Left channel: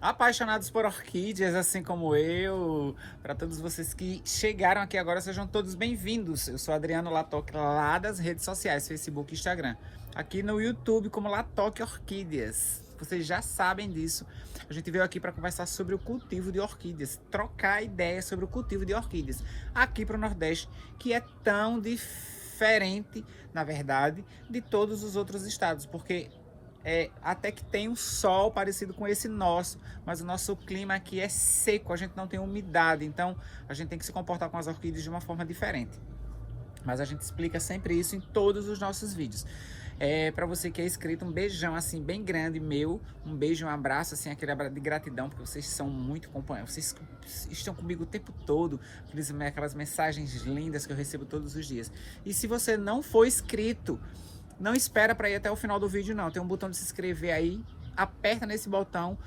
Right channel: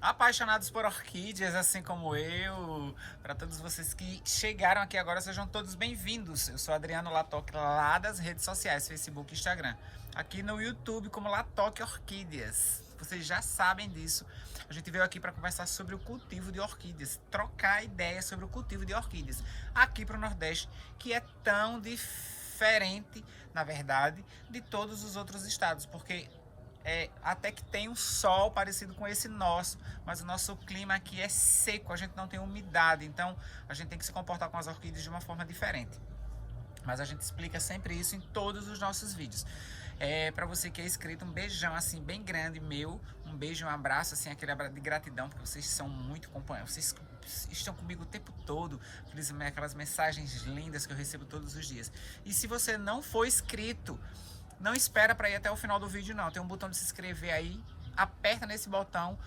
Apaixonados por orquídeas, assim como eu, para todos vocês que chegaram aqui agora, sejam todos bem-vindos. Eu sou Adriano Latoc, lá das redes sociais, Facebook e Instagram. Aqui no YouTube como Latoc Orquídeas. Vocês já sabem disso. A gente veio aqui para conversar sobre o cultivo de orquídeas, trocar ideias sobre o cultivo de orquídeas aqui para o Nordeste, que é tão diferente, na verdade, de todos os outros estados, porque até que tem um sol parecido com esse nosso, mas o nosso clima aqui é seco, a gente não tem umidade, então a gente tem que se comportar com as orquídeas de uma forma diferente. Mas a gente explica sempre isso em todos os nossos vídeos. Para você que é inscrito, um beijão assim bem grande meu, um beijo, um abraço assim, aquele abraço de gratidão, porque vocês são muito companheiros, vocês estão comigo o tempo todo, aquelas mensagens lindas que eu recebo todos os dias. E se você não for inscrito, não espera para ir até o final do vídeo não, tem um botão de se inscrever aí, aperta nesse botão,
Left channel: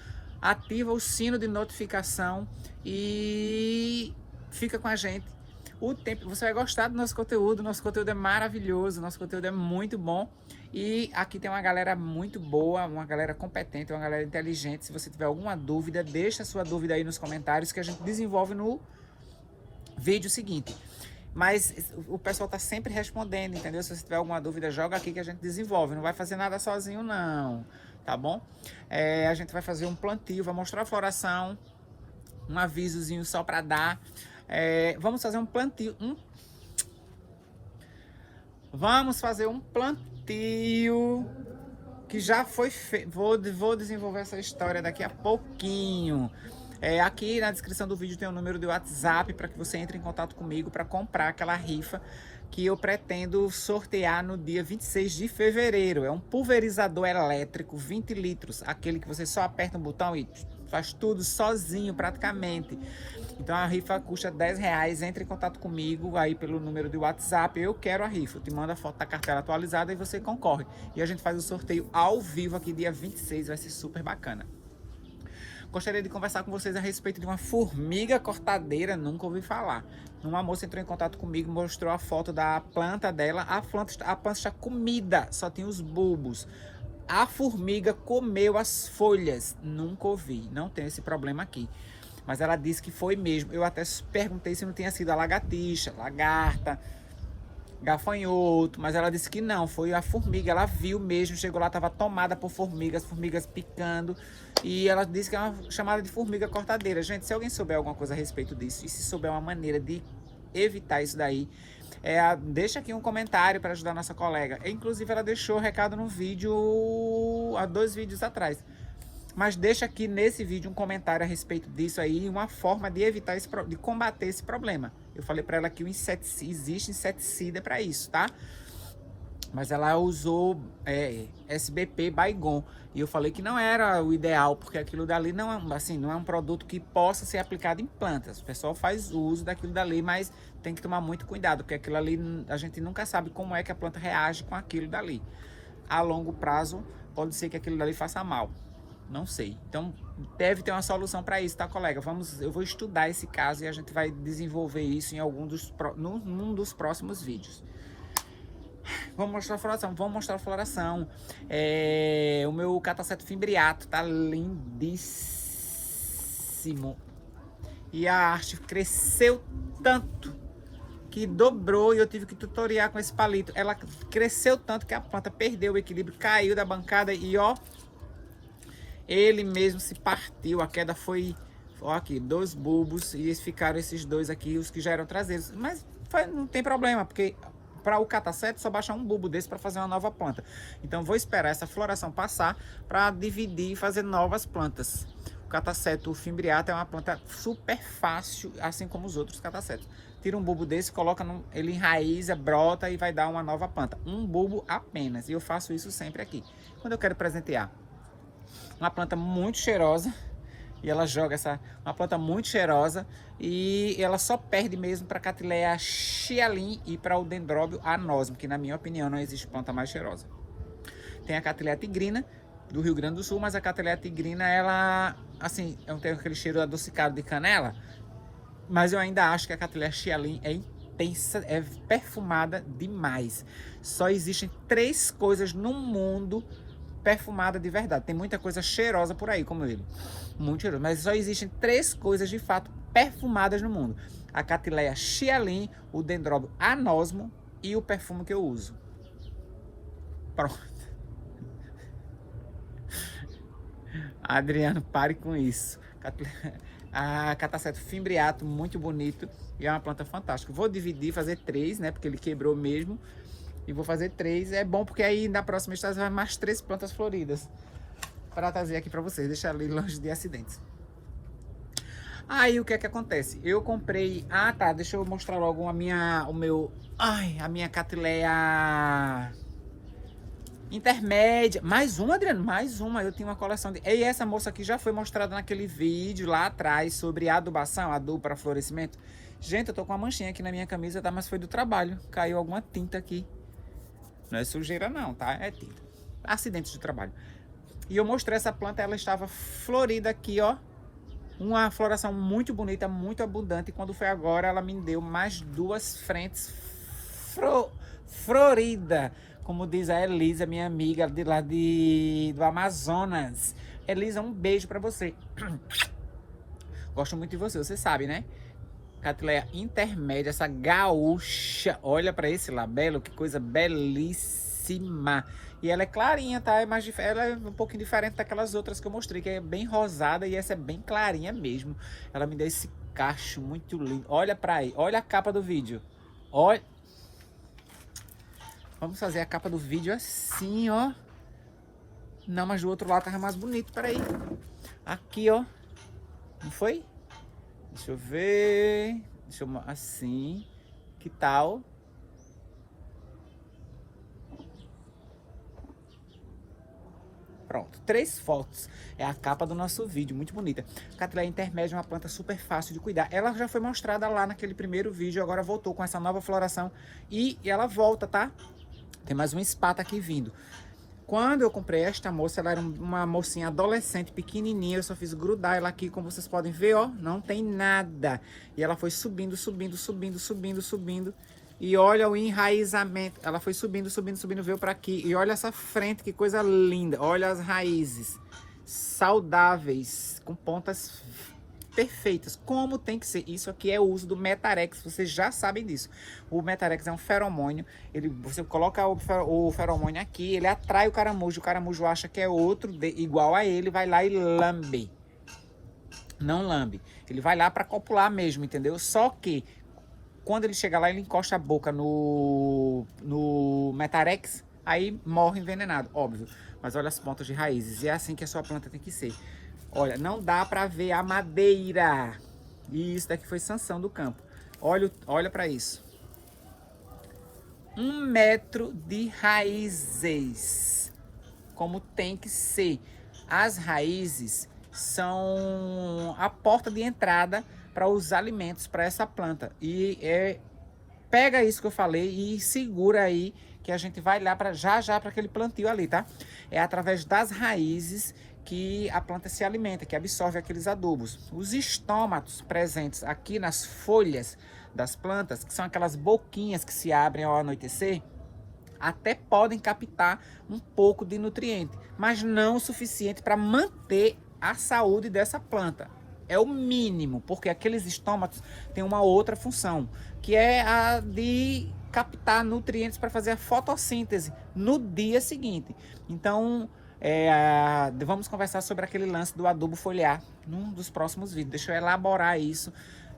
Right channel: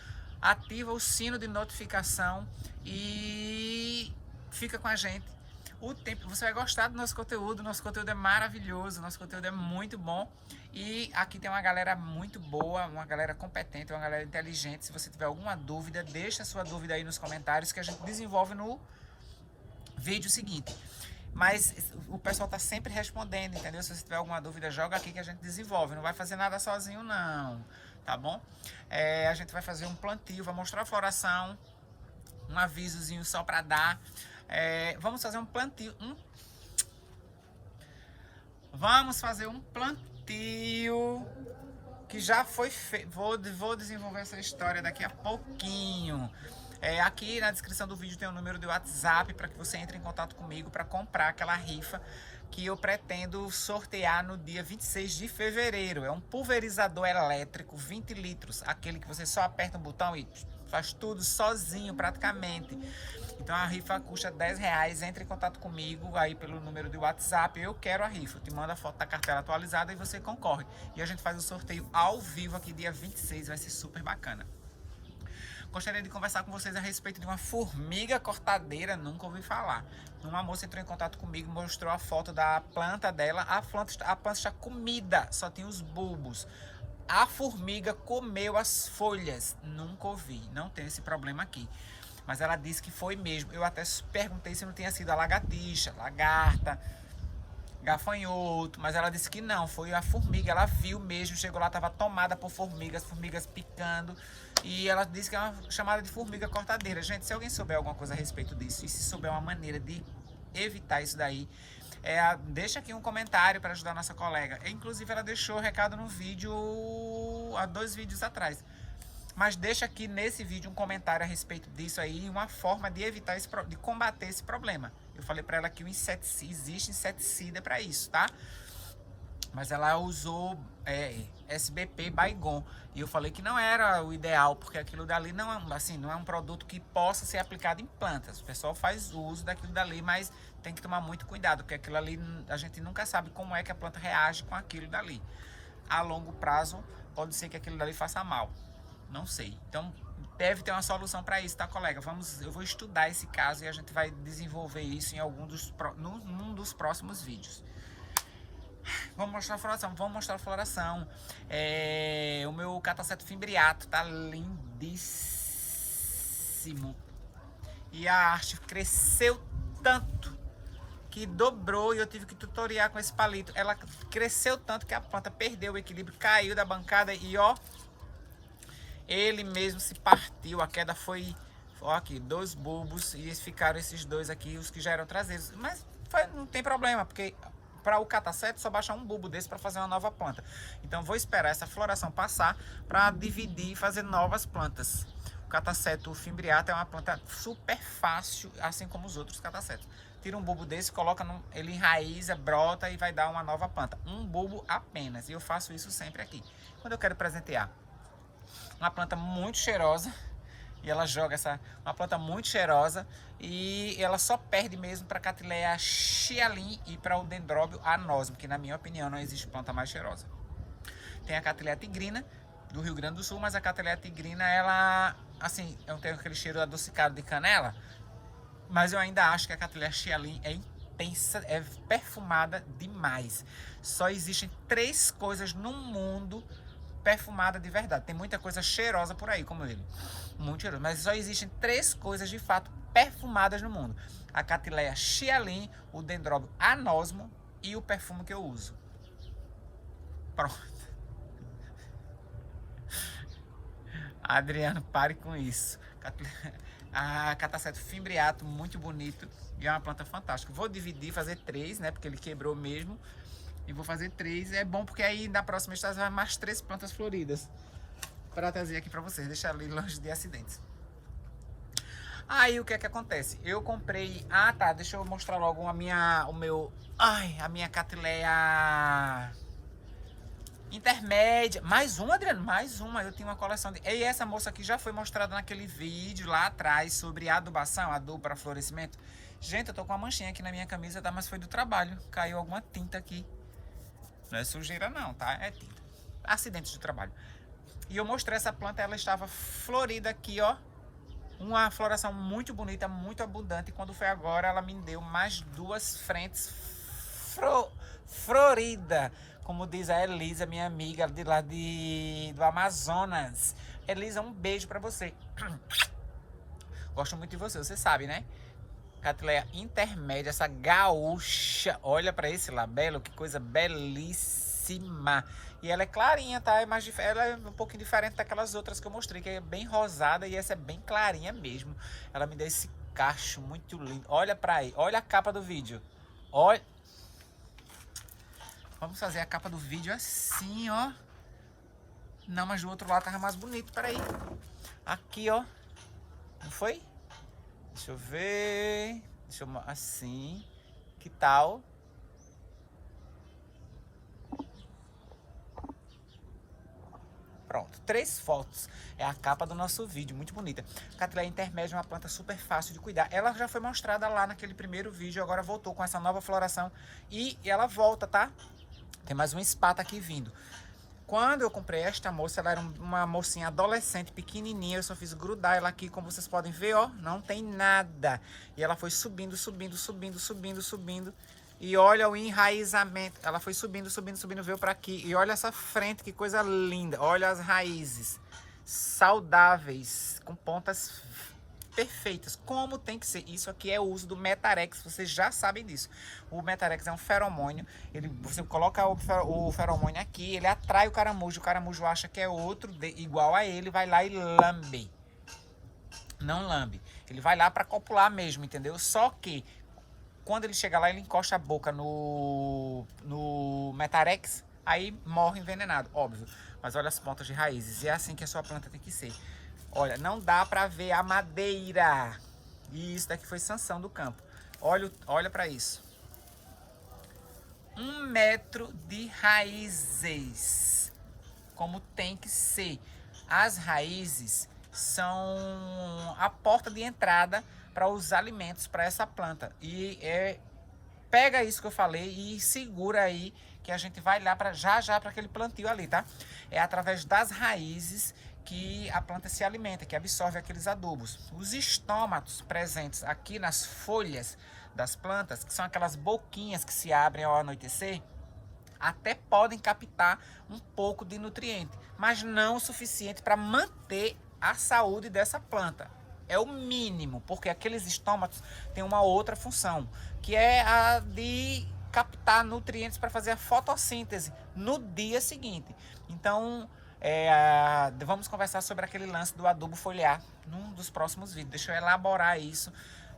ativa o sino de notificação e fica com a gente o tempo. Você vai gostar do nosso conteúdo é maravilhoso, nosso conteúdo é muito bom e aqui tem uma galera muito boa, uma galera competente, uma galera inteligente. Se você tiver alguma dúvida, deixa a sua dúvida aí nos comentários que a gente desenvolve no vídeo seguinte. Mas o pessoal tá sempre respondendo, entendeu? Se você tiver alguma dúvida, joga aqui que a gente desenvolve. Não vai fazer nada sozinho não, tá bom? A gente vai fazer um plantio, vai mostrar a floração, um avisozinho só para dar. Vamos fazer um plantio. Vamos fazer um plantio que já foi feito. Vou desenvolver essa história daqui a pouquinho. Aqui na descrição do vídeo tem o número de WhatsApp para que você entre em contato comigo para comprar aquela rifa que eu pretendo sortear no dia 26 de fevereiro. É um pulverizador elétrico 20 litros, aquele que você só aperta um botão e faz tudo sozinho praticamente. Então a rifa custa R$10, entre em contato comigo aí pelo número de WhatsApp, eu quero a rifa, eu te mando a foto da cartela atualizada e você concorre. E a gente faz o sorteio ao vivo aqui dia 26, vai ser super bacana. Gostaria de conversar com vocês a respeito de uma formiga cortadeira, nunca ouvi falar. Uma moça entrou em contato comigo, mostrou a foto da planta dela, a planta está comida, só tem os bulbos. A formiga comeu as folhas, nunca ouvi, não tem esse problema aqui. Mas ela disse que foi mesmo, eu até perguntei se não tinha sido a lagartixa, lagarta, gafanhoto, mas ela disse que não, foi a formiga, ela viu mesmo, chegou lá, estava tomada por formigas, formigas picando, e ela disse que é uma chamada de formiga cortadeira. Gente, se alguém souber alguma coisa a respeito disso, e se souber uma maneira de evitar isso daí, deixa aqui um comentário para ajudar a nossa colega. Inclusive ela deixou o recado no vídeo, há 2 vídeos atrás. Mas deixa aqui nesse vídeo um comentário a respeito disso aí, uma forma de evitar de combater esse problema. Eu falei para ela que existe inseticida para isso, tá? Mas ela usou SBP Baygon. E eu falei que não era o ideal, porque aquilo dali não é, assim, não é um produto que possa ser aplicado em plantas. O pessoal faz uso daquilo dali, mas tem que tomar muito cuidado, porque aquilo ali a gente nunca sabe como é que a planta reage com aquilo dali. A longo prazo, pode ser que aquilo dali faça mal. Não sei. Então, deve ter uma solução para isso, tá, colega? Eu vou estudar esse caso e a gente vai desenvolver isso em num dos próximos vídeos. Vamos mostrar a floração. O meu cataceto fimbriato tá lindíssimo. E a haste cresceu tanto que dobrou e eu tive que tutoriar com esse palito. Ela cresceu tanto que a planta perdeu o equilíbrio, caiu da bancada e ó, ele mesmo se partiu. A queda foi, ó, aqui, 2 bulbos e ficaram esses 2 aqui, os que já eram traseiros. Mas não tem problema, porque para o cataceto só baixar um bulbo desse para fazer uma nova planta. Então vou esperar essa floração passar para dividir e fazer novas plantas. O cataceto fimbriato é uma planta super fácil, assim como os outros catacetos. Tira um bulbo desse, coloca ele enraiza, brota e vai dar uma nova planta. Um bulbo apenas. E eu faço isso sempre aqui. Quando eu quero presentear uma planta muito cheirosa, e ela joga uma planta muito cheirosa, e ela só perde mesmo para a Catileia Chialim e para o Dendróbio anosmo, que na minha opinião não existe planta mais cheirosa. Tem a Catileia tigrina do Rio Grande do Sul, mas a Catileia tigrina, ela, assim, não tem aquele cheiro adocicado de canela, mas eu ainda acho que a Catileia Chialim é intensa, é perfumada demais. Só existem 3 coisas no mundo perfumada de verdade. Tem muita coisa cheirosa por aí, como ele. Muito cheiroso. Mas só existem 3 coisas de fato perfumadas no mundo: a Catileia Xiaolin, o Dendróbio anosmo e o perfume que eu uso. Pronto. Adriano, pare com isso. A Cataceto fimbriato, muito bonito. E é uma planta fantástica. Vou dividir, fazer 3, né? Porque ele quebrou mesmo. E vou fazer 3. É bom porque aí na próxima estação vai mais 3 plantas floridas. Para trazer aqui para vocês. Deixar ali longe de acidentes. Aí o que é que acontece? Eu comprei... Ah, tá. Deixa eu mostrar logo a minha Catileia intermédia. Mais uma, Adriano? Mais uma. Eu tenho uma coleção de... E essa moça aqui já foi mostrada naquele vídeo lá atrás sobre adubação, adubo para florescimento. Gente, eu tô com uma manchinha aqui na minha camisa, tá? Mas foi do trabalho. Caiu alguma tinta aqui. Não é sujeira não, tá? É tinta. Acidentes de trabalho. E eu mostrei essa planta, ela estava florida aqui, ó. Uma floração muito bonita, muito abundante. E quando foi agora, ela me deu mais 2 frentes florida. Como diz a Elisa, minha amiga de lá do Amazonas. Elisa, um beijo pra você. Gosto muito de você, você sabe, né? Catileia intermédia, essa gaúcha. Olha pra esse labelo, que coisa belíssima. E ela é clarinha, tá? Ela é um pouquinho diferente daquelas outras que eu mostrei, que é bem rosada, e essa é bem clarinha mesmo. Ela me deu esse cacho muito lindo. Olha pra aí, olha a capa do vídeo. Olha. Vamos fazer a capa do vídeo assim, ó. Não, mas do outro lado tava mais bonito, peraí. Aqui, ó. Não foi? Deixa eu ver. Assim. Que tal? Pronto, 3 fotos. É a capa do nosso vídeo, muito bonita. Catileia intermédia é uma planta super fácil de cuidar. Ela já foi mostrada lá naquele primeiro vídeo, agora voltou com essa nova floração. E ela volta, tá? Tem mais uma espata aqui vindo. Quando eu comprei esta moça, ela era uma mocinha adolescente, pequenininha. Eu só fiz grudar ela aqui, como vocês podem ver, ó. Não tem nada. E ela foi subindo, subindo, subindo, subindo, subindo. E olha o enraizamento. Ela foi subindo, subindo, subindo, veio para aqui. E olha essa frente, que coisa linda. Olha as raízes saudáveis, com pontas perfeitas, como tem que ser. Isso aqui é o uso do Metarex, vocês já sabem disso. O Metarex é um feromônio. Você coloca o feromônio aqui, ele atrai o caramujo acha que é outro igual a ele, vai lá e lambe. Não lambe. Ele vai lá para copular mesmo, entendeu? Só que quando ele chega lá, ele encosta a boca no Metarex, aí morre envenenado, óbvio. Mas olha as pontas de raízes, e é assim que a sua planta tem que ser. Olha, não dá para ver a madeira. E isso daqui foi sanção do campo. Olha para isso. 1 metro de raízes, como tem que ser. As raízes são a porta de entrada para os alimentos para essa planta. E pega isso que eu falei e segura aí, que a gente vai lá para já para aquele plantio ali, tá? É através das raízes que a planta se alimenta, que absorve aqueles adubos. Os estômatos presentes aqui nas folhas das plantas, que são aquelas boquinhas que se abrem ao anoitecer, até podem captar um pouco de nutriente, mas não o suficiente para manter a saúde dessa planta. É o mínimo, porque aqueles estômatos têm uma outra função, que é a de captar nutrientes para fazer a fotossíntese no dia seguinte. Então, vamos conversar sobre aquele lance do adubo foliar num dos próximos vídeos. Deixa eu elaborar isso.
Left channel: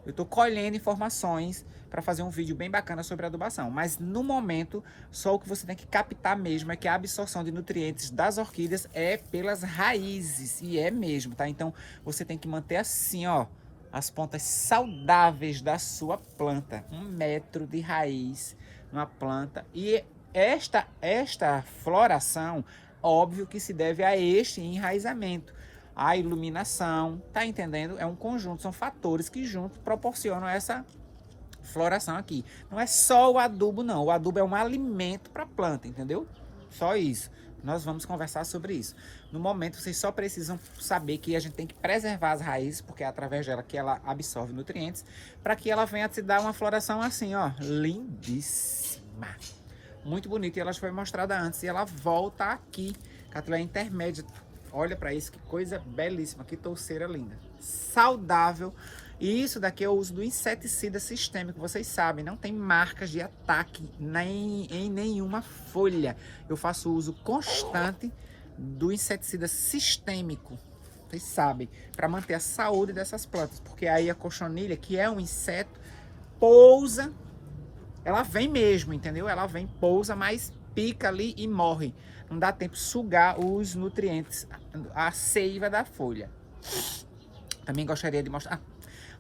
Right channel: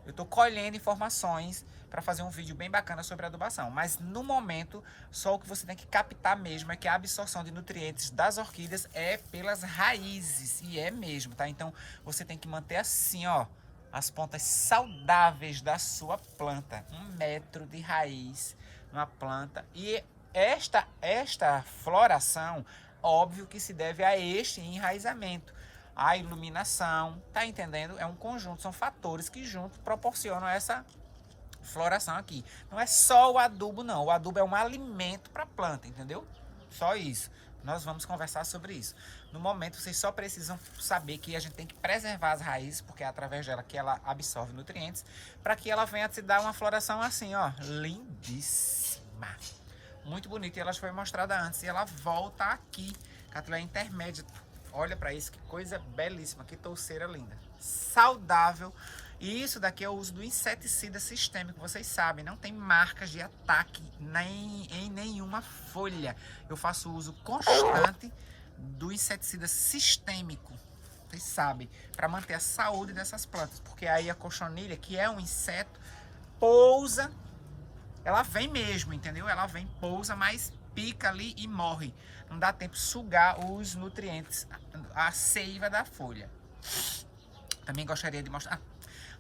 Eu estou colhendo informações para fazer um vídeo bem bacana sobre adubação. Mas no momento, só o que você tem que captar mesmo é que a absorção de nutrientes das orquídeas é pelas raízes. E é mesmo, tá? Então você tem que manter assim, ó, as pontas saudáveis da sua planta. 1 metro de raiz na planta. E esta floração, óbvio que se deve a este enraizamento. A iluminação, tá entendendo? É um conjunto, são fatores que juntos proporcionam essa floração aqui. Não é só o adubo, não. O adubo é um alimento para a planta, entendeu? Só isso. Nós vamos conversar sobre isso. No momento, vocês só precisam saber que a gente tem que preservar as raízes, porque é através dela que ela absorve nutrientes, para que ela venha te dar uma floração assim, ó, lindíssima. Muito bonita, e ela já foi mostrada antes, e ela volta aqui Cattleya intermédia. Olha pra isso, que coisa belíssima, que touceira linda. Saudável. E isso daqui é o uso do inseticida sistêmico, vocês sabem, não tem marcas de ataque nem em nenhuma folha. Eu faço uso constante do inseticida sistêmico, vocês sabem, para manter a saúde dessas plantas, porque aí a cochonilha, que é um inseto, pousa, ela vem mesmo, entendeu? Ela vem, pousa, mas pica ali e morre. Não dá tempo de sugar os nutrientes, a seiva da folha. Também gostaria de mostrar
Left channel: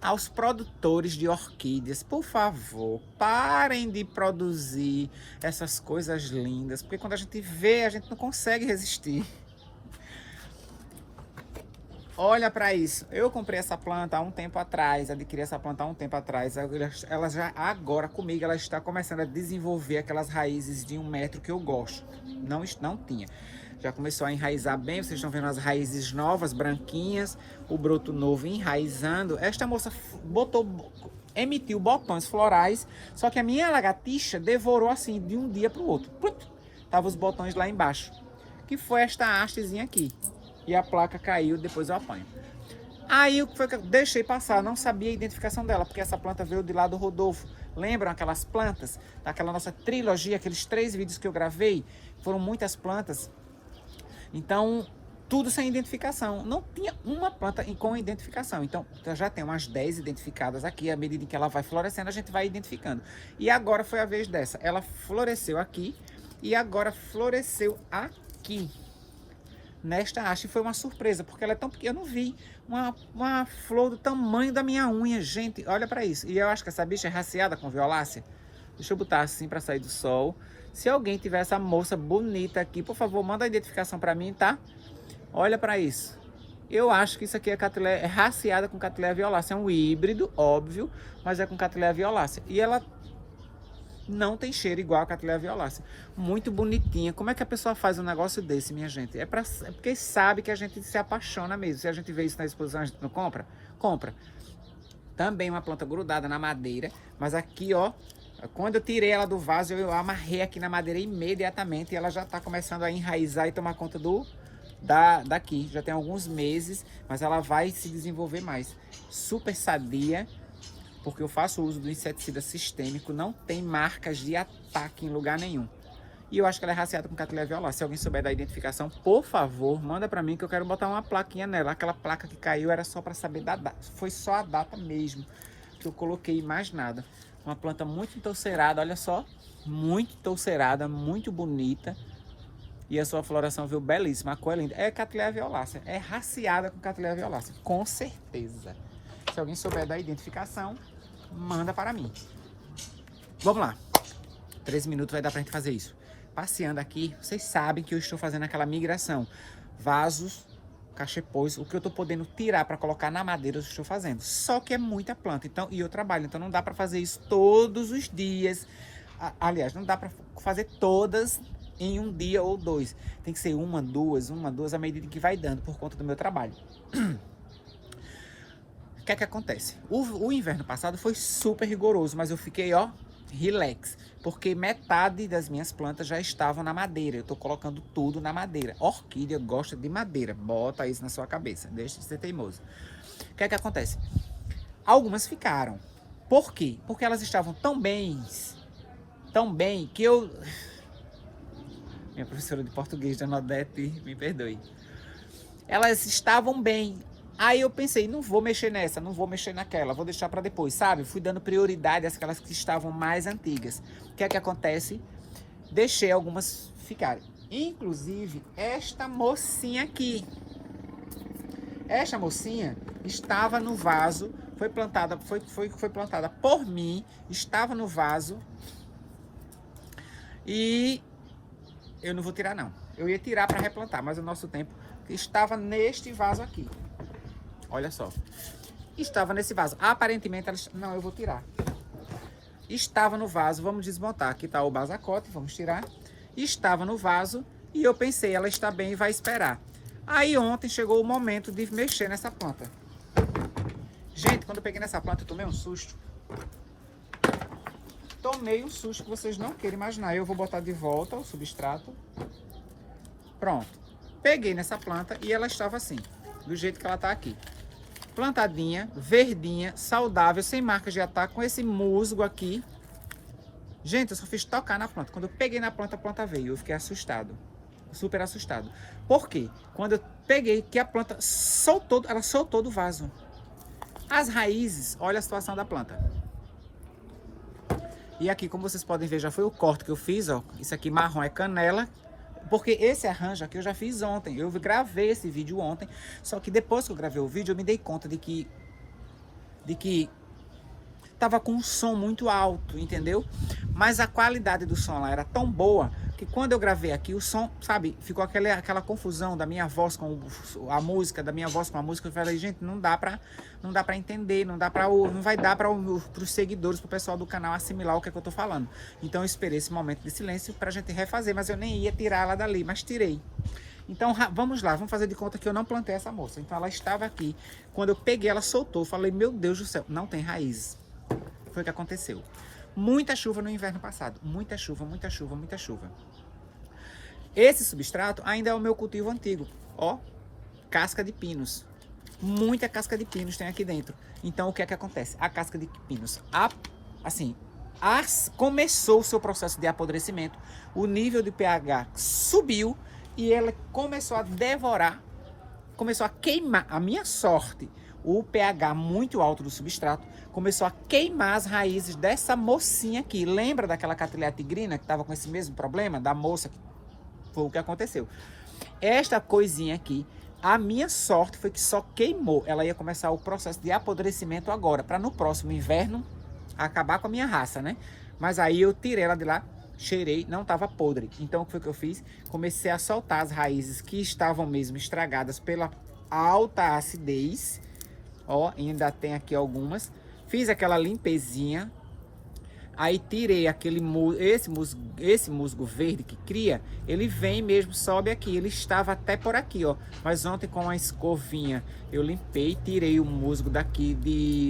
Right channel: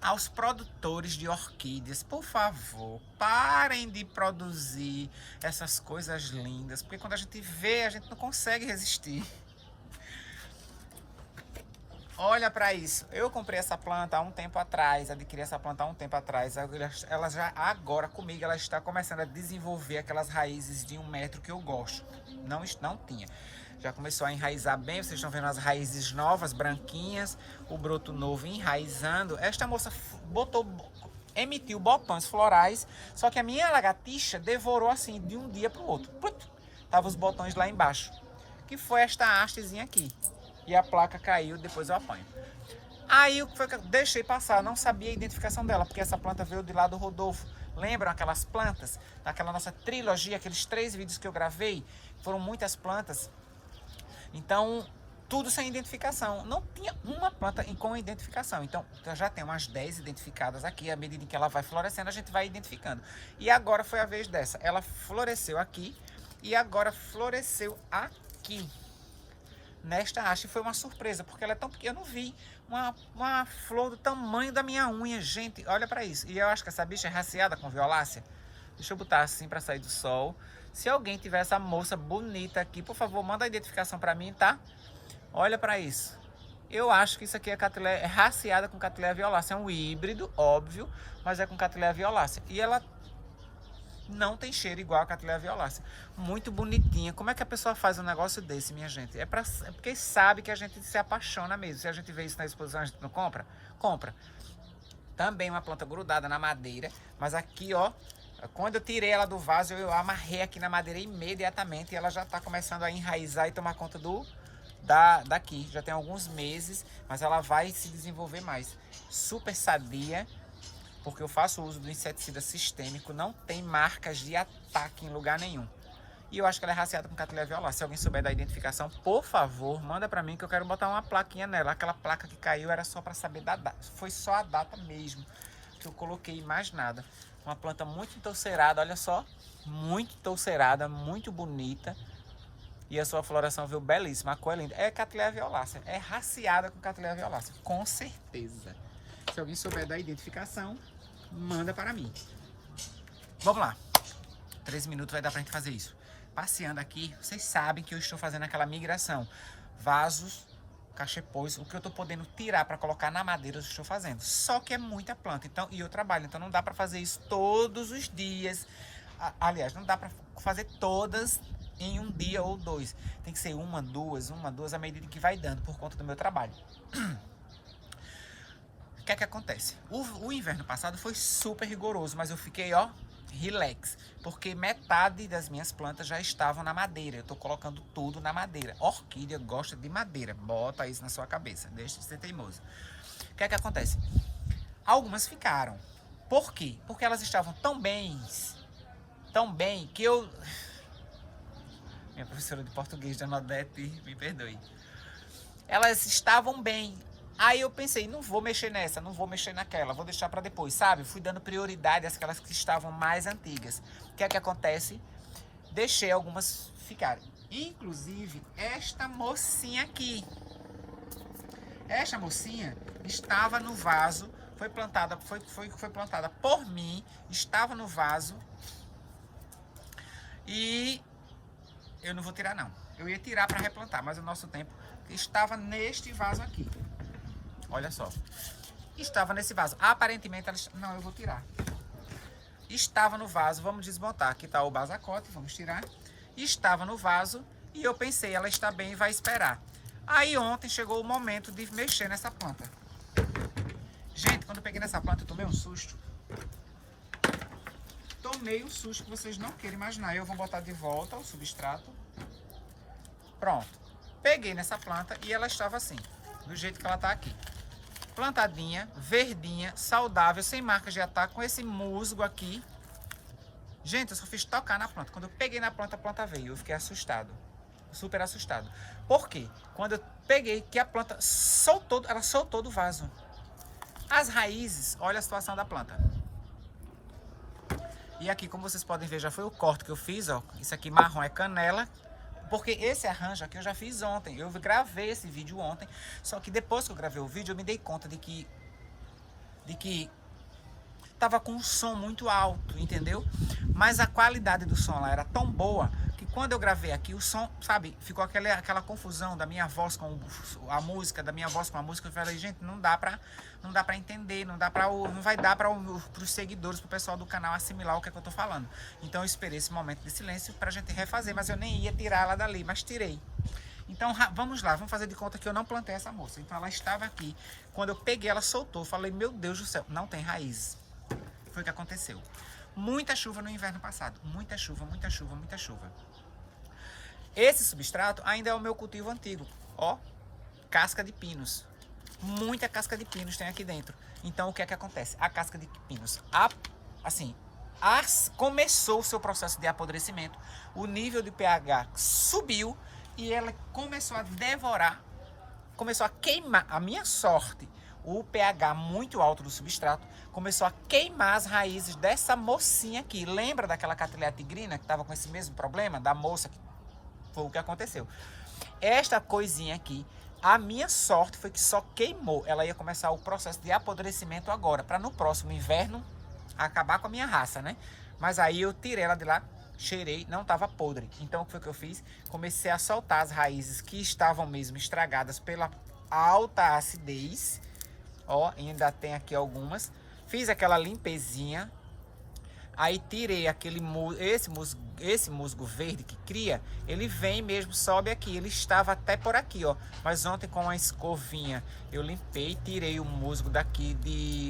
aos produtores de orquídeas, por favor, parem de produzir essas coisas lindas, porque quando a gente vê, a gente não consegue resistir. Olha para isso, eu comprei essa planta há um tempo atrás, adquiri essa planta há um tempo atrás, ela já agora comigo, ela está começando a desenvolver aquelas raízes de 1 metro que eu gosto, não tinha. Já começou a enraizar bem, vocês estão vendo as raízes novas, branquinhas, o broto novo enraizando. Esta moça emitiu botões florais, só que a minha lagartixa devorou assim, de um dia para o outro. Tava os botões lá embaixo, que foi esta hastezinha aqui. E a placa caiu, depois eu apanho. Aí o que foi que eu deixei passar, não sabia a identificação dela, porque essa planta veio de lá do Rodolfo. Lembram aquelas plantas, daquela nossa trilogia, aqueles 3 vídeos que eu gravei? Foram muitas plantas. Então, tudo sem identificação. Não tinha uma planta com identificação. Então, eu já tenho umas 10 identificadas aqui. À medida que ela vai florescendo, a gente vai identificando. E agora foi a vez dessa. Ela floresceu aqui e agora floresceu aqui. Nesta haste foi uma surpresa, porque ela é tão pequena. Eu não vi uma flor do tamanho da minha unha. Gente, olha para isso. E eu acho que essa bicha é raciada com violácea. Deixa eu botar assim para sair do sol. Se alguém tiver essa moça bonita aqui, por favor, manda a identificação para mim, tá? Olha para isso. Eu acho que isso aqui é raciada com Cattleya violácea. É um híbrido, óbvio, mas é com Cattleya violácea. E ela não tem cheiro igual a Cattleya violácea. Muito bonitinha. Como é que a pessoa faz um negócio desse, minha gente? É porque sabe que a gente se apaixona mesmo. Se a gente vê isso na exposição, a gente não compra? Compra. Também uma planta grudada na madeira, mas aqui, ó, quando eu tirei ela do vaso, eu amarrei aqui na madeira imediatamente e ela já está começando a enraizar e tomar conta daqui. Já tem alguns meses, mas ela vai se desenvolver mais. Super sadia, porque eu faço uso do inseticida sistêmico, não tem marcas de ataque em lugar nenhum. E eu acho que ela é raciada com Cattleya violácea. Se alguém souber da identificação, por favor, manda para mim que eu quero botar uma plaquinha nela. Aquela placa que caiu era só para saber da data. Foi só a data mesmo que eu coloquei, mais nada. Uma planta muito touceirada, olha só. Muito touceirada, muito bonita. E a sua floração veio belíssima, a cor é linda. É Cattleya violácea, é raciada com Cattleya violácea, com certeza. Se alguém souber da identificação, manda para mim. Vamos lá. 13 minutos vai dar pra gente fazer isso. Passeando aqui, vocês sabem que eu estou fazendo aquela migração. Vasos, cachepôs, o que eu estou podendo tirar para colocar na madeira, eu estou fazendo. Só que é muita planta, então, e eu trabalho, então não dá para fazer isso todos os dias. Aliás, não dá para fazer todas em um dia ou 2. Tem que ser uma, duas, à medida que vai dando, por conta do meu trabalho. O que é que acontece? O inverno passado foi super rigoroso, mas eu fiquei, ó, relax. Porque metade das minhas plantas já estavam na madeira. Eu tô colocando tudo na madeira. Orquídea gosta de madeira. Bota isso na sua cabeça. Deixa de ser teimoso. O que é que acontece? Algumas ficaram. Por quê? Porque elas estavam tão bem que eu... Minha professora de português, Dona Odete, me perdoe. Elas estavam bem. Aí eu pensei, não vou mexer nessa, não vou mexer naquela, vou deixar para depois, sabe? Fui dando prioridade àquelas que estavam mais antigas. O que é que acontece? Deixei algumas ficarem. Inclusive, esta mocinha aqui. Esta mocinha estava no vaso, foi plantada por mim, estava no vaso. E eu não vou tirar não. Eu ia tirar para replantar, mas o nosso tempo estava neste vaso aqui. Olha só. Estava nesse vaso. Aparentemente, ela... não, eu vou tirar. Estava no vaso, vamos desmontar. Aqui está o basacote, vamos tirar. Estava no vaso e eu pensei, ela está bem e vai esperar. Aí ontem chegou o momento de mexer nessa planta. Gente, quando eu peguei nessa planta, eu tomei um susto. Tomei um susto que vocês não querem imaginar. Eu vou botar de volta o substrato. Pronto. peguei nessa planta e ela estava assim, do jeito que ela tá aqui. Plantadinha, verdinha, saudável, sem marcas de ataque, com esse musgo aqui. Gente, eu só fiz tocar na planta. Quando eu peguei na planta, a planta veio. Eu fiquei assustado. Super assustado. Por quê? Quando eu peguei, que a planta soltou, ela soltou do vaso. As raízes, olha a situação da planta. E aqui, como vocês podem ver, já foi o corte que eu fiz, ó. Isso aqui marrom é canela. Porque esse arranjo aqui eu já fiz ontem. Eu gravei esse vídeo ontem. Só que depois que eu gravei o vídeo, eu me dei conta de que tava com um som muito alto, entendeu? Mas a qualidade do som lá era tão boa que quando eu gravei aqui, o som, sabe, ficou aquela confusão da minha voz com a música, da minha voz com a música. Eu falei, gente, não dá pra entender, não vai dar para os seguidores, pro pessoal do canal assimilar o que é que eu tô falando. Então eu esperei esse momento de silêncio pra gente refazer, mas eu nem ia tirar ela dali, mas tirei. Então vamos lá, vamos fazer de conta que eu não plantei essa moça. Então ela estava aqui, quando eu peguei ela soltou, eu falei, meu Deus do céu, não tem raízes. Foi o que aconteceu. Muita chuva no inverno passado, muita chuva, muita chuva, muita chuva. Esse substrato ainda é o meu cultivo antigo, ó, casca de pinos. Muita casca de pinos tem aqui dentro. Então o que é que acontece? A casca de pinos, começou o seu processo de apodrecimento, o nível de pH subiu e ela começou a devorar, começou a queimar. A minha sorte, o pH muito alto do substrato começou a queimar as raízes dessa mocinha aqui. Lembra daquela Cattleya tigrina que estava com esse mesmo problema? Da moça? Foi o que aconteceu. Esta coisinha aqui, a minha sorte foi que só queimou. Ela ia começar o processo de apodrecimento agora, para no próximo inverno acabar com a minha raça, né? Mas aí eu tirei ela de lá, cheirei, não estava podre. Então o que foi que eu fiz? Comecei a soltar as raízes que estavam mesmo estragadas pela alta acidez. Ó, ainda tem aqui algumas. Fiz aquela limpezinha. Aí tirei esse musgo verde que cria, ele vem mesmo, sobe aqui. Ele estava até por aqui, ó. Mas ontem com a escovinha eu limpei, tirei o musgo daqui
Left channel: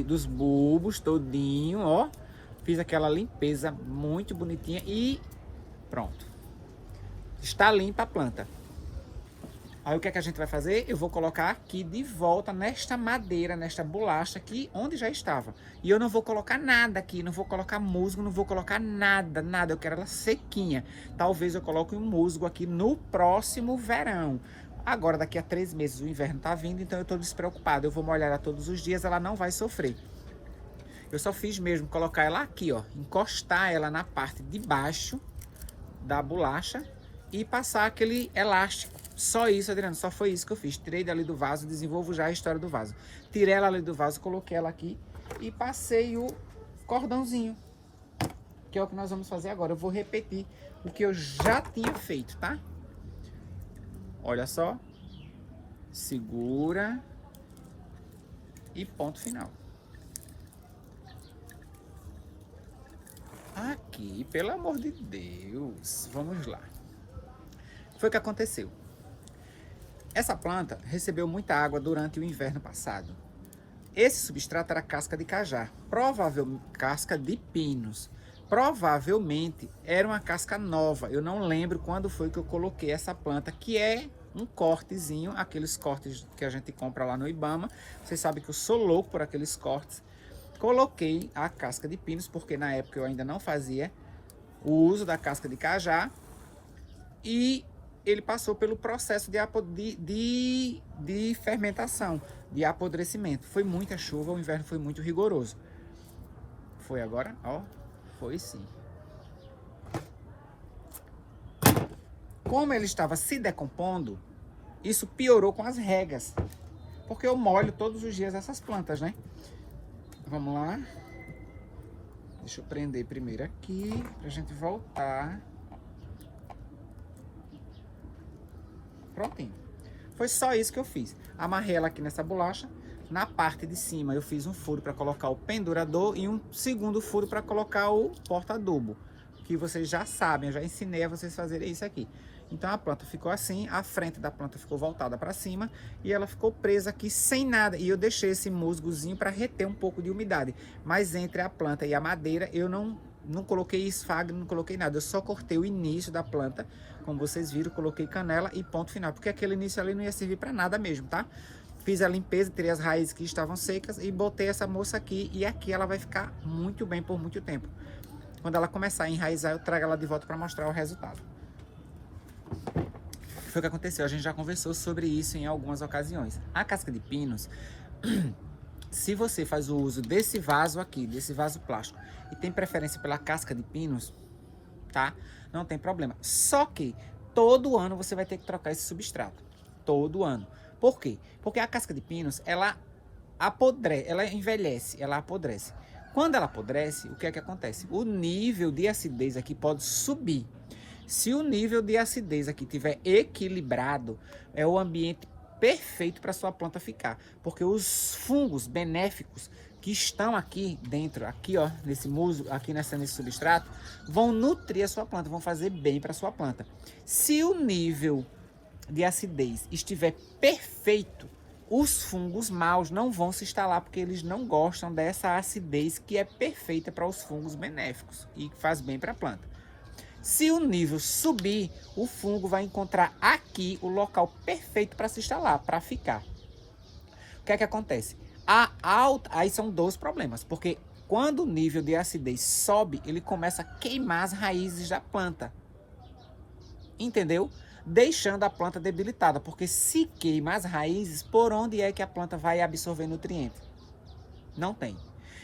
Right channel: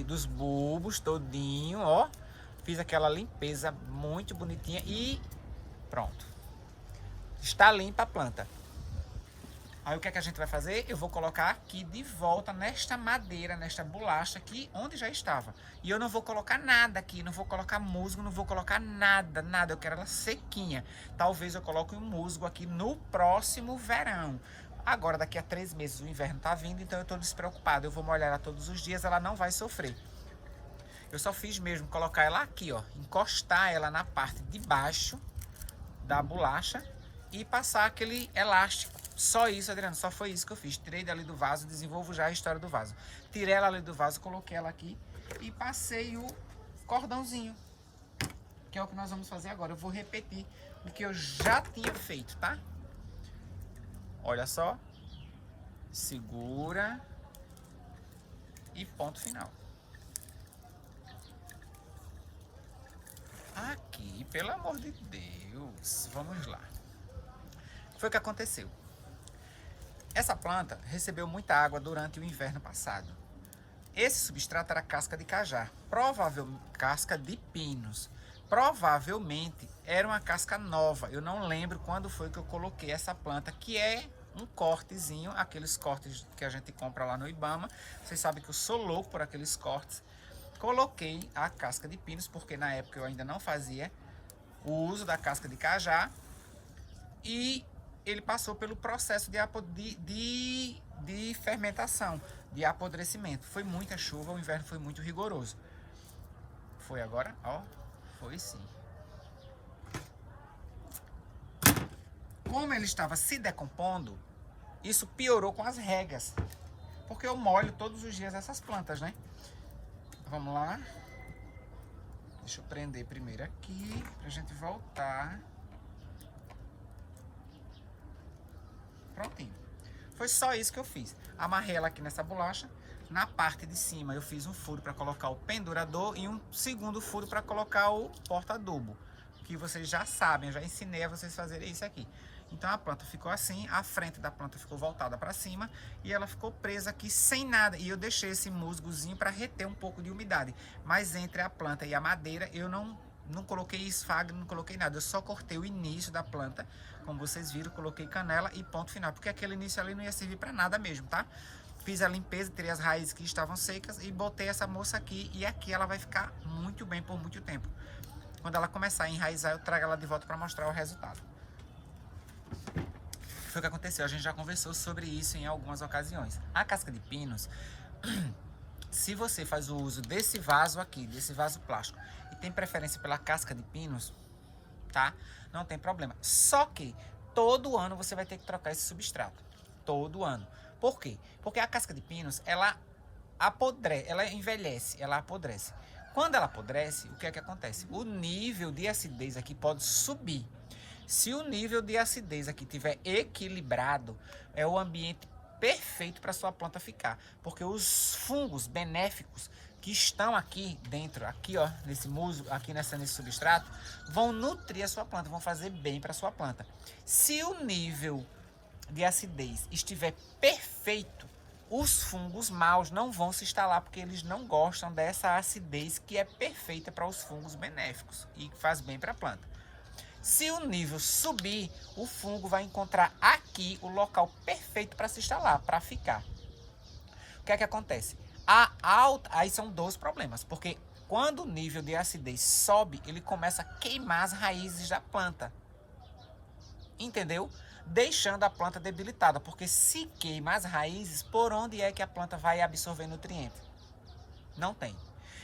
dos bulbos todinho, ó. Fiz aquela limpeza muito bonitinha e pronto. Está limpa a planta. Aí o que é que a gente vai fazer? Eu vou colocar aqui de volta nesta madeira, nesta bolacha aqui, onde já estava. E eu não vou colocar nada aqui, não vou colocar musgo, não vou colocar nada, nada. Eu quero ela sequinha. Talvez eu coloque um musgo aqui no próximo verão. Agora, daqui a 3 meses, o inverno tá vindo, então eu tô despreocupado. Eu vou molhar ela todos os dias, ela não vai sofrer. Eu só fiz mesmo colocar ela aqui, ó. Encostar ela na parte de baixo da bolacha e passar aquele elástico. Só isso, Adriano, só foi isso que eu fiz. Tirei dali do vaso, desenvolvo já a história do vaso. Tirei ela ali do vaso, coloquei ela aqui e passei o cordãozinho, que é o que nós vamos fazer agora. Eu vou repetir o que eu já tinha feito, tá? Olha só. Segura. E ponto final. Aqui, pelo amor de Deus. Vamos lá. Foi o que aconteceu. Essa planta recebeu muita água durante o inverno passado. Esse substrato era casca de cajá, provavelmente casca de pinos. Provavelmente era uma casca nova. Eu não lembro quando foi que eu coloquei essa planta, que é um cortezinho, aqueles cortes que a gente compra lá no Ibama. Vocês sabem que eu sou louco por aqueles cortes. Coloquei a casca de pinos, porque na época eu ainda não fazia o uso da casca de cajá. E ele passou pelo processo de fermentação, de apodrecimento. Foi muita chuva, o inverno foi muito rigoroso. Foi agora? Ó, foi sim. Como ele estava se decompondo, isso piorou com as regas. Porque eu molho todos os dias essas plantas, né? Vamos lá. Deixa eu prender primeiro aqui, pra gente voltar. Prontinho. Foi só isso que eu fiz. Amarrei ela aqui nessa bolacha. Na parte de cima eu fiz um furo para colocar o pendurador e um segundo furo para colocar o porta-adubo. Que vocês já sabem, eu já ensinei a vocês fazerem isso aqui. Então a planta ficou assim, a frente da planta ficou voltada para cima e ela ficou presa aqui sem nada. E eu deixei esse musgozinho para reter um pouco de umidade. Mas entre a planta e a madeira eu não não coloquei esfagno, não coloquei nada. Eu só cortei o início da planta, como vocês viram, coloquei canela e ponto final. Porque aquele início ali não ia servir para nada mesmo, tá? Fiz a limpeza, tirei as raízes que estavam secas e botei essa moça aqui. E aqui ela vai ficar muito bem por muito tempo. Quando ela começar a enraizar, eu trago ela de volta para mostrar o resultado. Foi o que aconteceu, a gente já conversou sobre isso em algumas ocasiões. A casca de pinos, se você faz o uso desse vaso aqui, desse vaso plástico, e tem preferência pela casca de pinos, tá? Não tem problema. Só que todo ano você vai ter que trocar esse substrato. Todo ano. Por quê? Porque a casca de pinos, ela apodrece, ela envelhece, ela apodrece. Quando ela apodrece, o que é que acontece? O nível de acidez aqui pode subir. Se o nível de acidez aqui estiver equilibrado, é o ambiente perfeito para sua planta ficar. Porque os fungos benéficos que estão aqui dentro, aqui ó, nesse musgo, aqui nesse substrato, vão nutrir a sua planta, vão fazer bem para a sua planta. Se o nível de acidez estiver perfeito, os fungos maus não vão se instalar, porque eles não gostam dessa acidez que é perfeita para os fungos benéficos e que faz bem para a planta. Se o nível subir, o fungo vai encontrar aqui o local perfeito para se instalar, para ficar. O que é que acontece? Aí são dois problemas, porque quando o nível de acidez sobe, ele começa a queimar as raízes da planta. Entendeu? Deixando a planta debilitada, porque se queima as raízes, por onde é que a planta vai absorver nutriente? Não tem.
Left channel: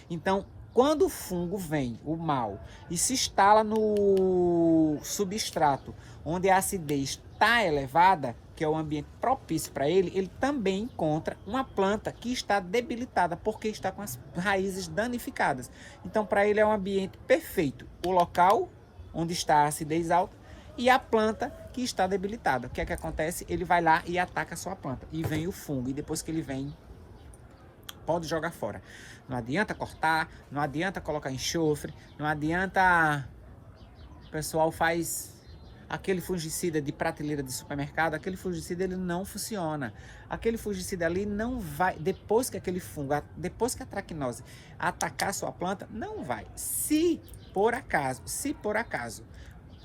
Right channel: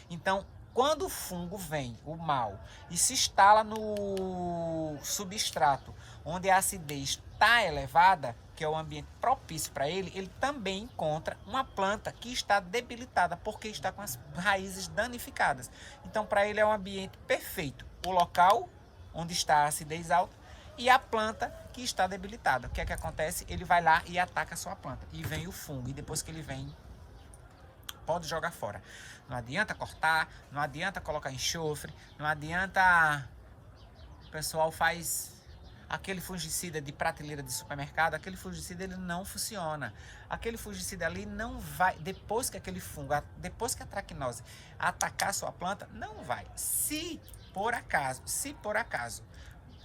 Então, quando o fungo vem, o mal, e se instala no substrato, onde a acidez está elevada, que é o ambiente propício para ele, ele também encontra uma planta que está debilitada, porque está com as raízes danificadas. Então, para ele é um ambiente perfeito. O local onde está a acidez alta, e a planta que está debilitada. O que é que acontece? Ele vai lá e ataca a sua planta. E vem o fungo. E depois que ele vem, pode jogar fora. Não adianta cortar, não adianta colocar enxofre, não adianta... O pessoal faz aquele fungicida de prateleira de supermercado, aquele fungicida ele não funciona. Aquele fungicida ali não vai... Depois que aquele fungo, depois que a traquinose atacar a sua planta, não vai. Se por acaso...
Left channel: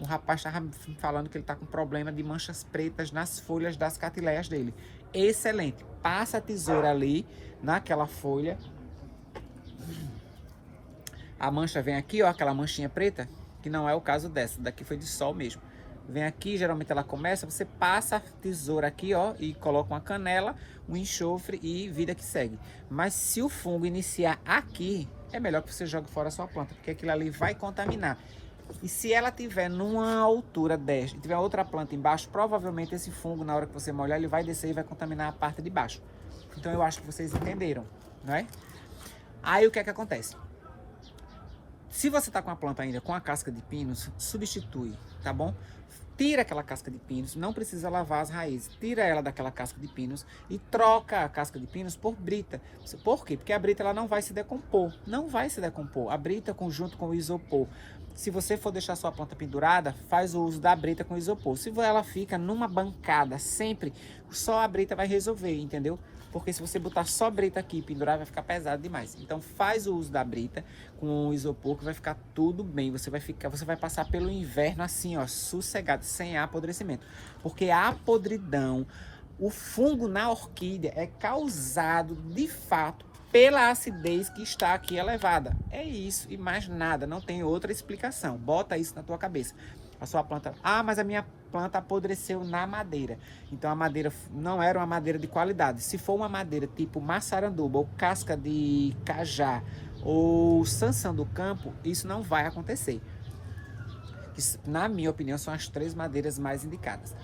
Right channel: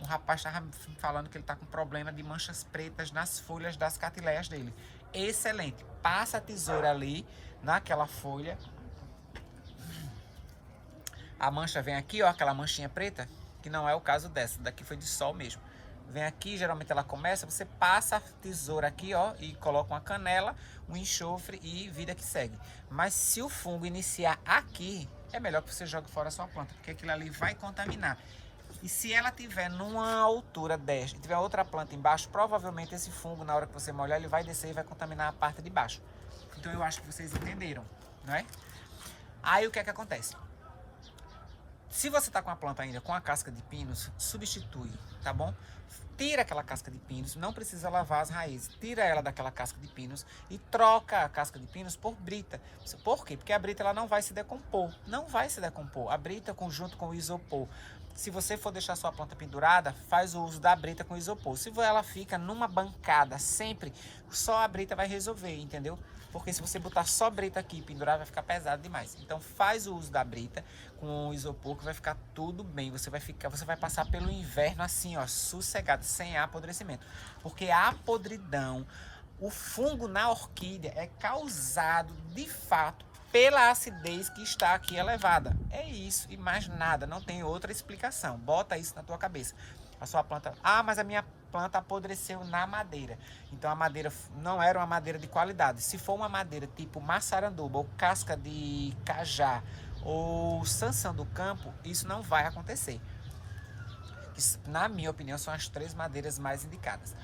O rapaz estava falando que ele está com problema de manchas pretas nas folhas das catileias dele. Excelente. Passa a tesoura ali, naquela folha. A mancha vem aqui, ó, aquela manchinha preta, que não é o caso dessa. Daqui foi de sol mesmo. Vem aqui, geralmente ela começa, você passa a tesoura aqui, ó, e coloca uma canela, um enxofre e vida que segue. Mas se o fungo iniciar aqui, é melhor que você jogue fora a sua planta, porque aquilo ali vai contaminar. E se ela tiver numa altura 10 e tiver outra planta embaixo, provavelmente esse fungo, na hora que você molhar, ele vai descer e vai contaminar a parte de baixo. Então eu acho que vocês entenderam, não é? Aí o que é que acontece? Se você está com a planta ainda com a casca de pinos, substitui, tá bom? Tira aquela casca de pinos, não precisa lavar as raízes, tira ela daquela casca de pinos e troca a casca de pinos por brita. Por quê? Porque a brita ela não vai se decompor, não vai se decompor. A brita junto com o isopor. Se você for deixar sua planta pendurada, faz o uso da brita com isopor. Se ela fica numa bancada sempre, só a brita vai resolver, entendeu? Porque se você botar só brita aqui e pendurar, vai ficar pesado demais. Então faz o uso da brita com o isopor que vai ficar tudo bem. Você vai passar pelo inverno assim, ó, sossegado, sem apodrecimento. Porque a podridão, o fungo na orquídea é causado de fato pela acidez que está aqui elevada. É isso e mais nada, não tem outra explicação. Bota isso na tua cabeça. A sua planta, mas a minha planta apodreceu na madeira. Então a madeira não era uma madeira de qualidade. Se for uma madeira tipo maçaranduba ou casca de cajá ou sanção do campo, isso não vai acontecer. Isso, na minha opinião, são as 3 madeiras mais indicadas.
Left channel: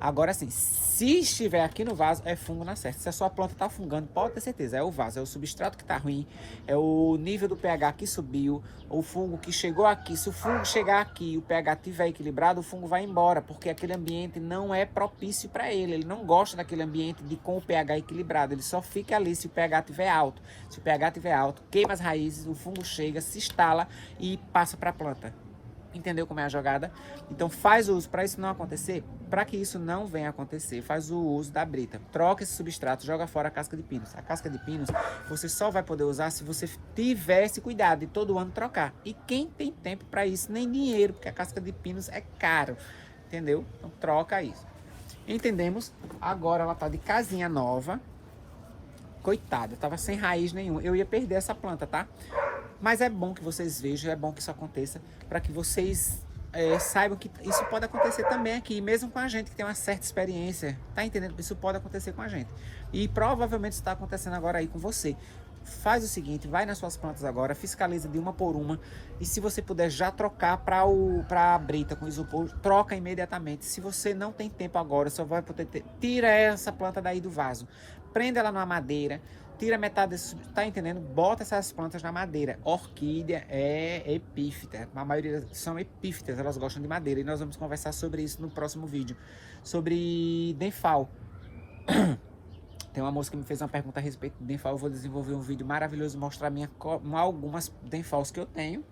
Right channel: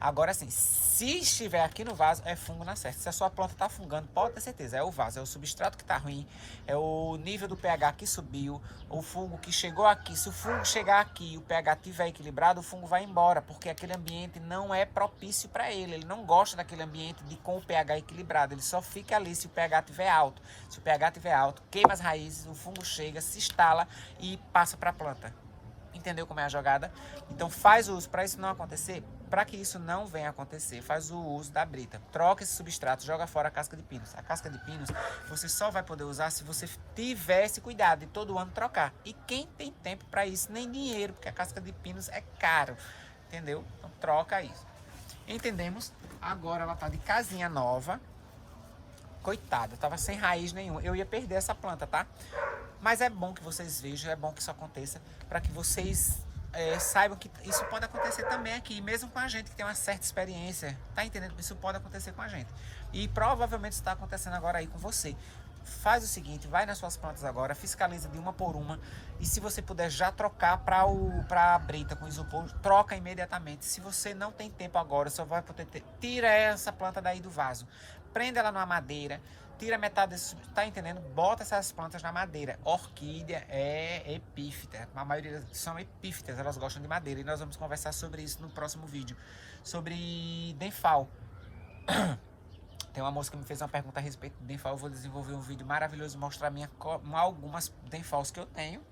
Agora sim, se estiver aqui no vaso, é fungo na certa. Se a sua planta está fungando, pode ter certeza, é o vaso, é o substrato que está ruim, é o nível do pH que subiu, o fungo que chegou aqui. Se o fungo chegar aqui e o pH estiver equilibrado, o fungo vai embora, porque aquele ambiente não é propício para ele. Ele não gosta daquele ambiente com o pH equilibrado, ele só fica ali se o pH estiver alto. Se o pH estiver alto, queima as raízes, o fungo chega, se instala e passa para a planta. Entendeu como é a jogada? Então faz uso, para isso não acontecer, para que isso não venha a acontecer, faz o uso da brita. Troca esse substrato, joga fora a casca de pinos. A casca de pinos você só vai poder usar se você tivesse cuidado de todo ano trocar. E quem tem tempo para isso, nem dinheiro, porque a casca de pinos é caro. Entendeu? Então troca isso. Entendemos? Agora ela tá de casinha nova. Coitada, tava sem raiz nenhuma. Eu ia perder essa planta, tá? Mas é bom que vocês vejam, é bom que isso aconteça, para que vocês saibam que isso pode acontecer também aqui, mesmo com a gente que tem uma certa experiência, tá entendendo? Isso pode acontecer com a gente. E provavelmente está acontecendo agora aí com você. Faz o seguinte, vai nas suas plantas agora, fiscaliza de uma por uma, e se você puder já trocar para a brita com isopor, troca imediatamente. Se você não tem tempo agora, só vai poder ter, tira essa planta daí do vaso, prende ela numa madeira, tira metade desse, tá entendendo? Bota essas plantas na madeira. Orquídea é epífita, a maioria são epífitas, elas gostam de madeira, e nós vamos conversar sobre isso no próximo vídeo, sobre denfal. Tem uma moça que me fez uma pergunta a respeito de denfal, eu vou desenvolver um vídeo maravilhoso, mostrar algumas denfals que eu tenho.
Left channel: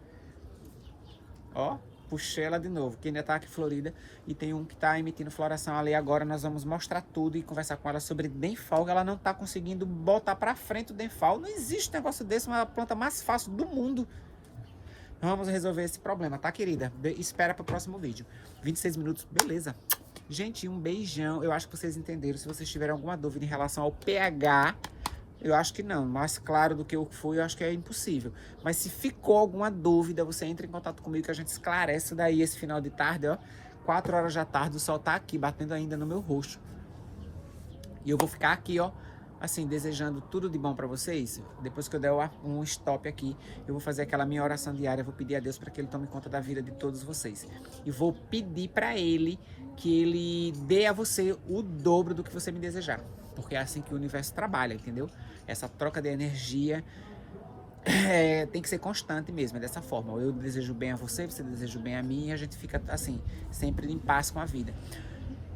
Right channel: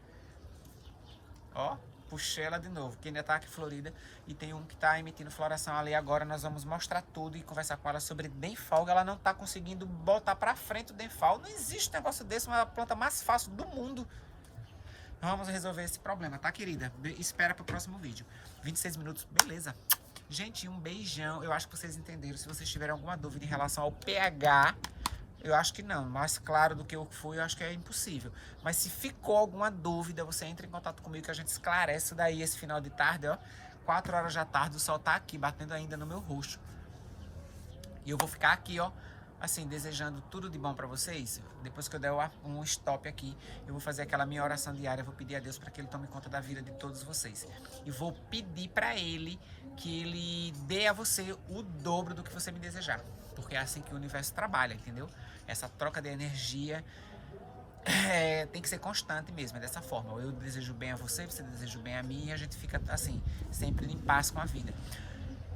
Ó, puxei ela de novo, que ainda tá aqui florida, e tem um que tá emitindo floração ali agora. Nós vamos mostrar tudo e conversar com ela sobre denfal. Ela não tá conseguindo botar pra frente o denfal. Não existe negócio desse, uma planta mais fácil do mundo. Vamos resolver esse problema, tá, querida? Espera pro próximo vídeo. 26 minutos, beleza. Gente, um beijão. Eu acho que vocês entenderam. Se vocês tiverem alguma dúvida em relação ao pH, eu acho que não. Mais claro do que eu fui, eu acho que é impossível. Mas se ficou alguma dúvida, você entra em contato comigo que a gente esclarece isso daí esse final de tarde, ó. 4 horas da tarde, o sol tá aqui, batendo ainda no meu rosto. E eu vou ficar aqui, ó, assim, desejando tudo de bom pra vocês. Depois que eu der um stop aqui, eu vou fazer aquela minha oração diária, vou pedir a Deus para que Ele tome conta da vida de todos vocês. E vou pedir para Ele que Ele dê a você o dobro do que você me desejar. Porque é assim que o universo trabalha, entendeu? Essa troca de energia tem que ser constante mesmo, é dessa forma. Eu desejo bem a você, você deseja bem a mim, e a gente fica assim, sempre em paz com a vida.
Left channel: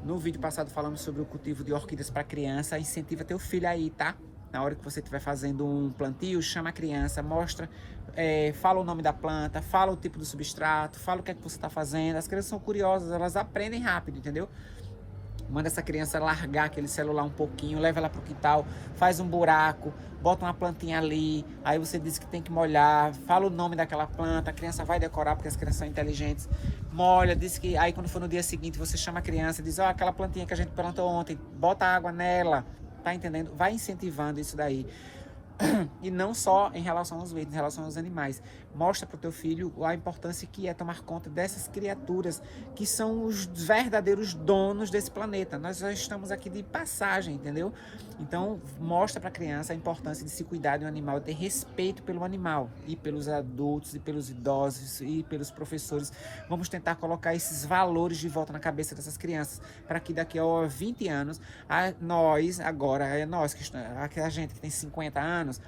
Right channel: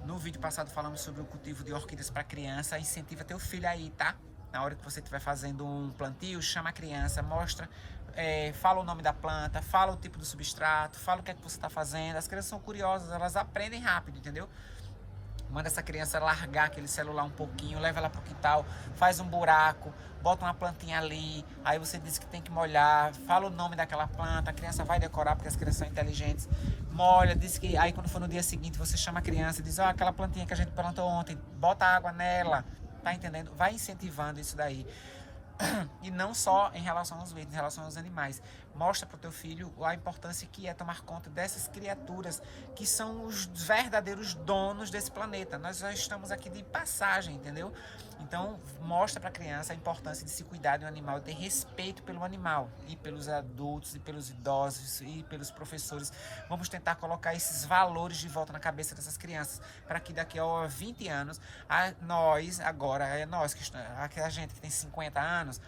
No vídeo passado falamos sobre o cultivo de orquídeas para criança. Incentiva teu filho aí, tá? Na hora que você estiver fazendo um plantio, chama a criança, mostra, fala o nome da planta, fala o tipo do substrato, fala o que é que você está fazendo. As crianças são curiosas, elas aprendem rápido, entendeu? Manda essa criança largar aquele celular um pouquinho, leva ela pro quintal, faz um buraco, bota uma plantinha ali, aí você diz que tem que molhar, fala o nome daquela planta, a criança vai decorar porque as crianças são inteligentes, molha, diz que aí quando for no dia seguinte você chama a criança e diz, ó, aquela plantinha que a gente plantou ontem, bota água nela, tá entendendo? Vai incentivando isso daí. E não só em relação aos verdes, em relação aos animais. Mostra para o teu filho a importância que é tomar conta dessas criaturas que são os verdadeiros donos desse planeta. Nós já estamos aqui de passagem, entendeu? Então mostra para a criança a importância de se cuidar de um animal, ter respeito pelo animal, e pelos adultos, e pelos idosos, e pelos professores. Vamos tentar colocar esses valores de volta na cabeça dessas crianças, para que daqui a 20 anos, nós, a gente que tem 50 anos,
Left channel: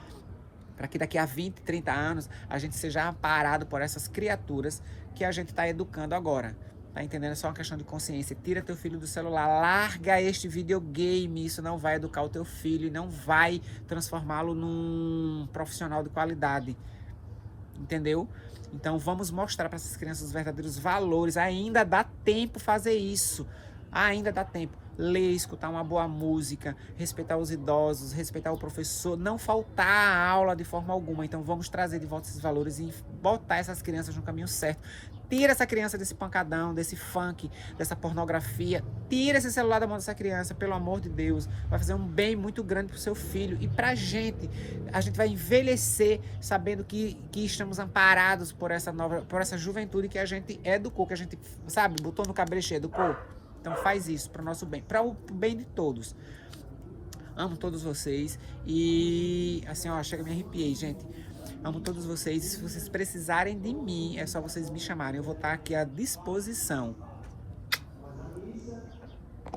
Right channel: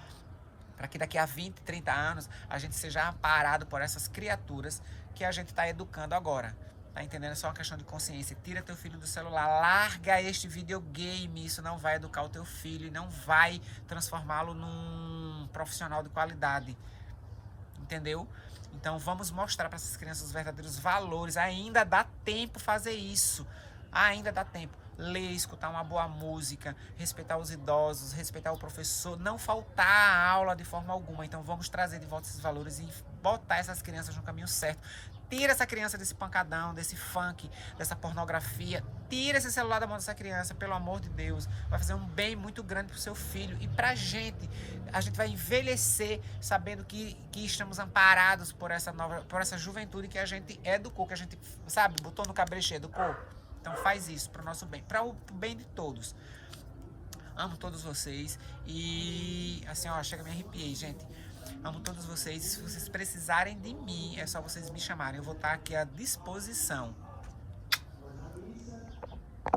para que daqui a 20, 30 anos, a gente seja amparado por essas criaturas que a gente está educando agora. Tá entendendo? É só uma questão de consciência. Tira teu filho do celular, larga este videogame. Isso não vai educar o teu filho e não vai transformá-lo num profissional de qualidade. Entendeu? Então vamos mostrar para essas crianças os verdadeiros valores. Ainda dá tempo fazer isso. Ainda dá tempo. Ler, escutar uma boa música, respeitar os idosos, respeitar o professor, não faltar a aula de forma alguma. Então vamos trazer de volta esses valores e botar essas crianças no caminho certo. Tira essa criança desse pancadão, desse funk, dessa pornografia. Tira esse celular da mão dessa criança, pelo amor de Deus. Vai fazer um bem muito grande pro seu filho e pra gente. A gente vai envelhecer sabendo que estamos amparados por essa juventude que a gente educou, que a gente, sabe, botou no cabreche, educou. Então faz isso para o nosso bem, para o bem de todos. Amo todos vocês e assim, ó, chega, me arrepiei, gente. Amo todos vocês. Se vocês precisarem de mim, é só vocês me chamarem. Eu vou estar aqui à disposição.